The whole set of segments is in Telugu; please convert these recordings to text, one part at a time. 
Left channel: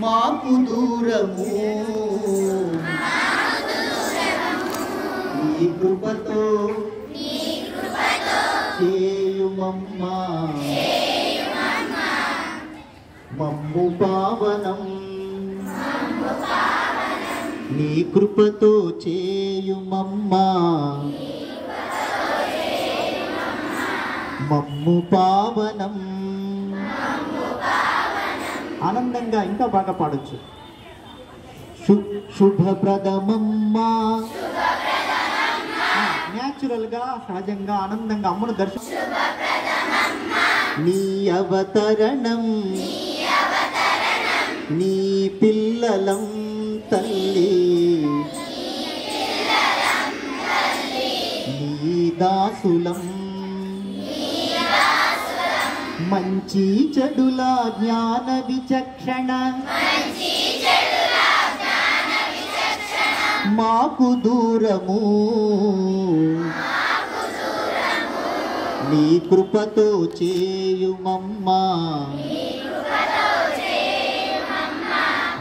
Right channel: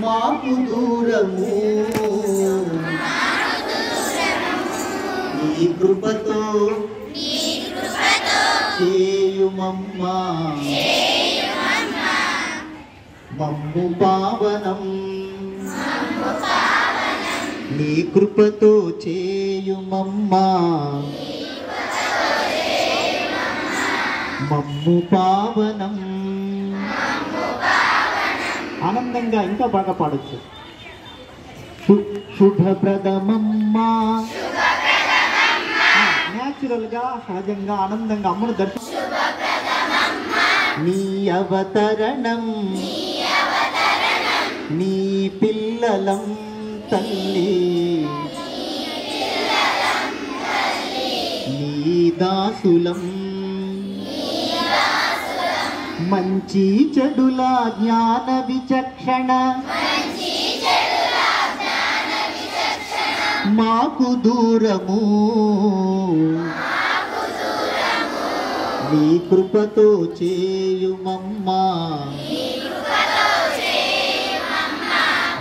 మాకు దూరము నీ కృపతో చేయుమమ్మా మమ్ము పావనం నీ కృపతో చేయుమమ్మా మమ్ము పావనం. ఆనందంగా ఇంకా బాగా పాడొచ్చు. శుభప్రదమమ్మా న్యాచురల్ గా సహజంగా ఆనందంగా అమ్మను దర్శనం. నీ అవతరణం నీ పిల్లలం తల్లి నీ దాసులం మంచి చెడుల జ్ఞాన విచక్షణ మాకు దూరము నీ కృపతో చేయుమమ్మా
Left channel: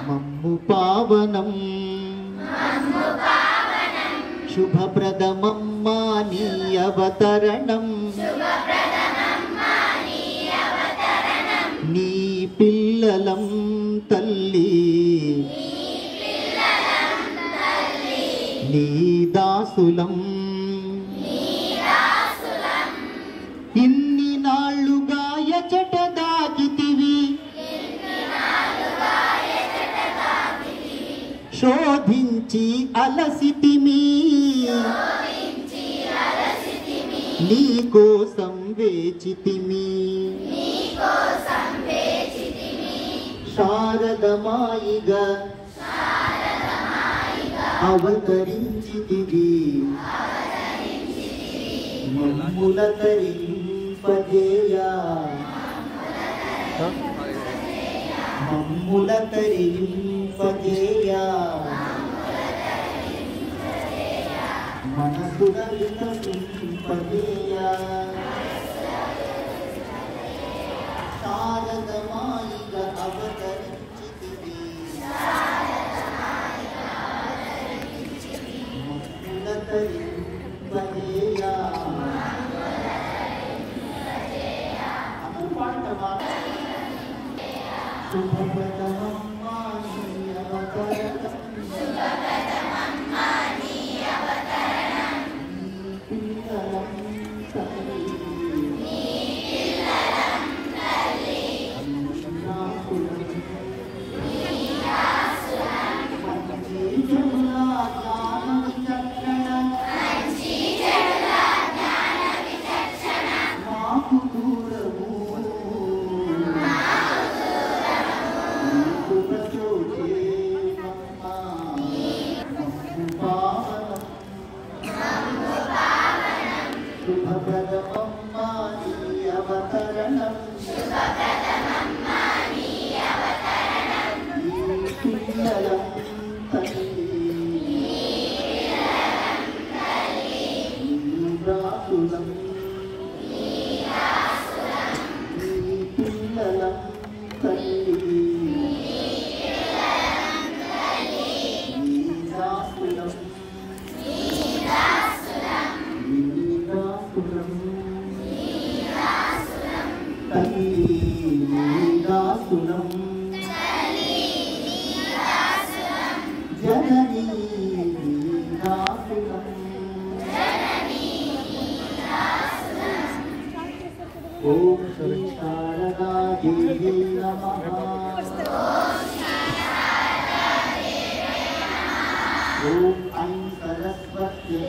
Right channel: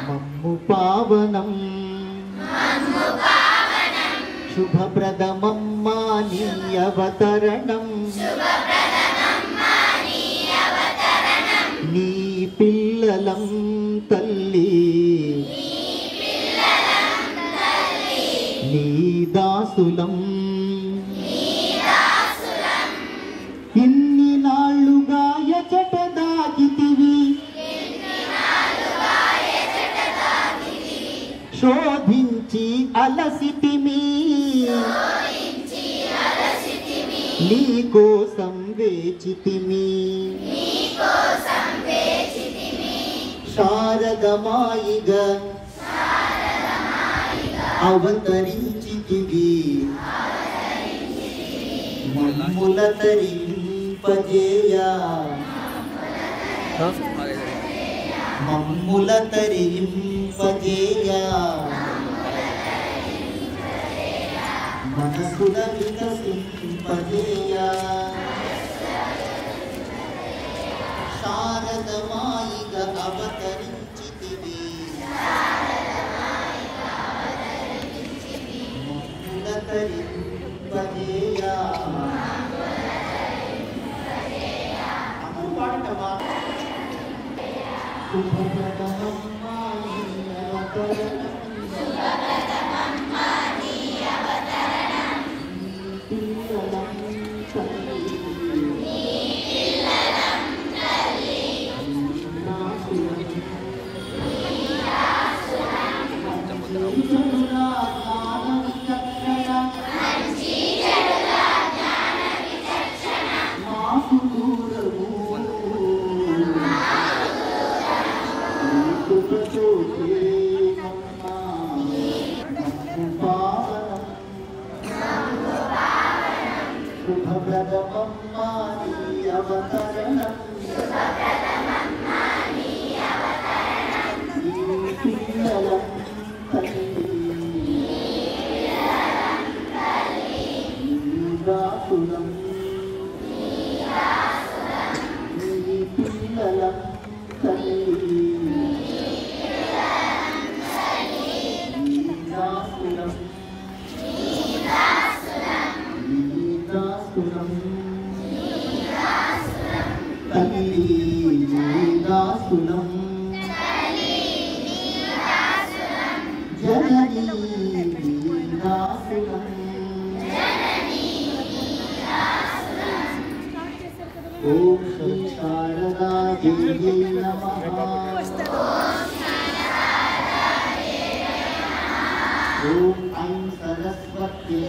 మమ్ము పావనం శుభప్రదమమ్మా నీ అవతరణం నీ పిల్లలం తల్లి నీ దాసులం ఇన్ని నాళ్ళుగా ఎచట దాగితివి శోధించి అలసితిమి నీ కోసం వేచితిమి శారదమాయిగా అవతరించితివి మమ్ముల తరింపజేయా మమ్ముల తరింపజేయా మనసుల వికసింపజేయా శారదమాయిగా అవతరించితివి మమ్ముల తరింపజేయా అనుపాటమా శుభప్రదమమ్మా నీ అవతరణం నీ పిల్లలం తల్లి మాకు దూరము నీ కృపతో చేయుమమ్మా మమ్ము పావనం శుభప్రదమమ్మా నీ అవతరణం నీ పిల్లలం తల్లి నీ దాసులం నీ పిల్లలం తల్లి నీ దాసులం నీ దాసులం తల్లి నీ దాసులం జననీ నీ దాసులం ఓం శ్రీ శారదా దేవి నమః ఓం ఐం సరస్వతి